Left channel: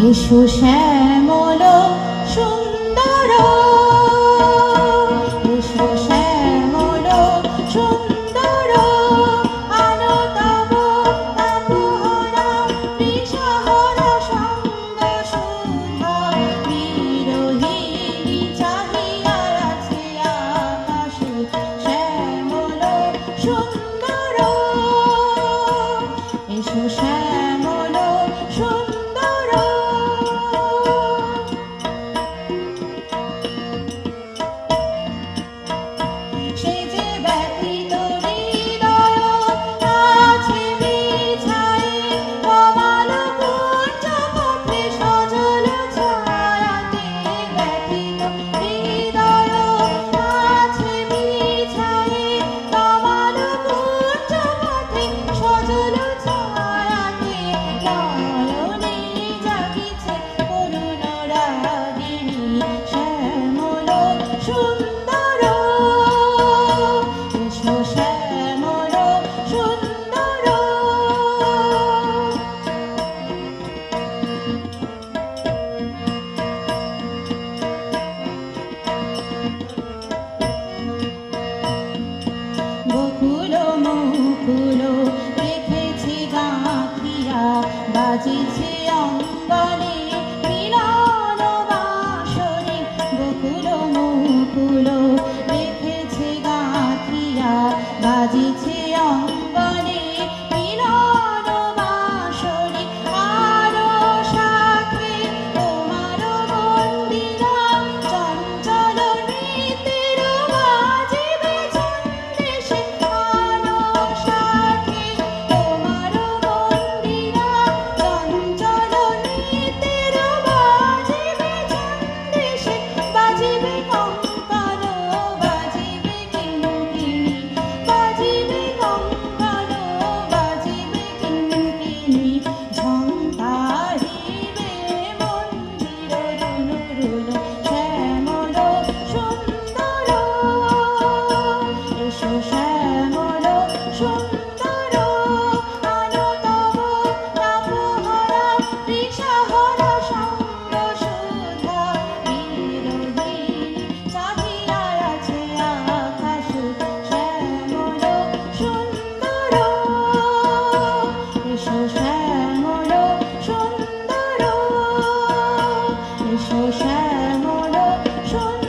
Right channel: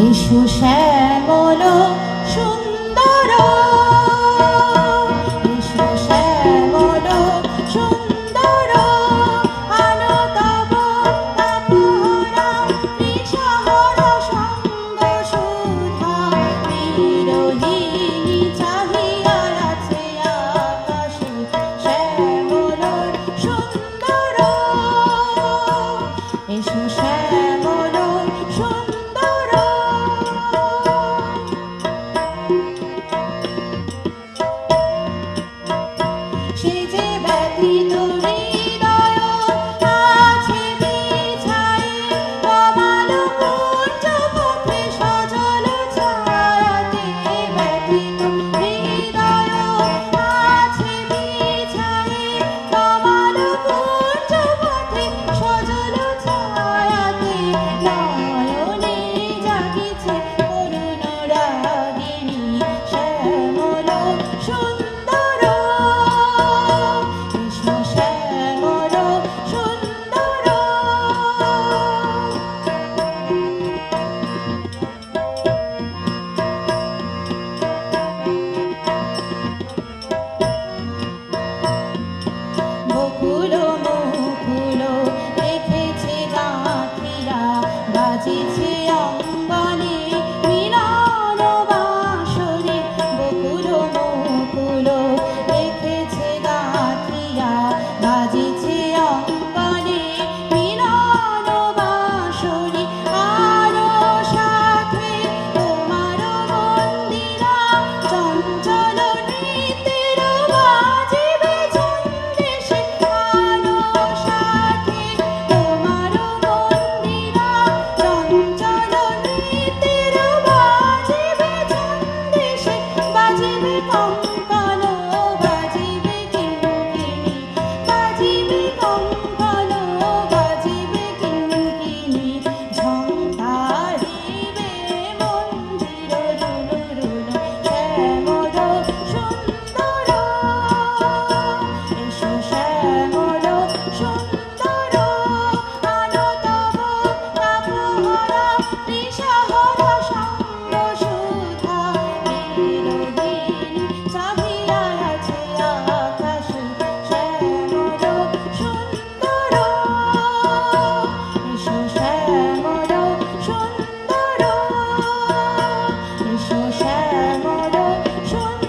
এসো শ্যামল সুন্দর, এসো শ্যামল সুন্দর, আলো তব তাপহরা বিষহর সঙ্গ সুধা, বিরোহিণী চাহিয়া আছে আকাশ শ্যামল সুন্দর, এসো শ্যামল সুন্দর। সে যে ব্যথিত হৃদয় আছে বিছায়ে, কমল কুঞ্জ পথে সজল ছায়াতে, ব্যথিত হৃদয় আছে বিছায়ে, কমল কুঞ্জ পথে সজল ছায়াতে, নয়নে জাগিছে করুণ রাগিণী শ্যামল সুন্দর, এসো শ্যামল সুন্দর। বকুল মুকুল রেখেছে গাঁথিয়া, বাজিছে অঙ্গনে মিলন বাঁশরে, বকুল মুকুল রেখেছে গাঁথিয়া, বাজিছে অঙ্গনে মিলন বাঁশরে, আরো সাথে তোমার বন্দিরা চঞ্চল নৃত্যের বাজিবে ছন্দেশে, আরো সাথে তোমার বন্দিরা চঞ্চল নৃত্যের বাজিবে ছন্দেশে, বাজিবে কঙ্কণ বাজিবে কিঙ্কিণী, বাজিবে কঙ্কণ বাজিবে কিঙ্কিণী, ঝংকারিবে মন্দির ধুনুরুল শ্যামল সুন্দর, এসো শ্যামল সুন্দর, আলো তব তাপহরা বিষহর সঙ্গ সুধা, বিরোহিণী চাহিয়া আছে আকাশ শ্যামল সুন্দর, এসো শ্যামল সুন্দর, এসো শ্যামল সুন্দর।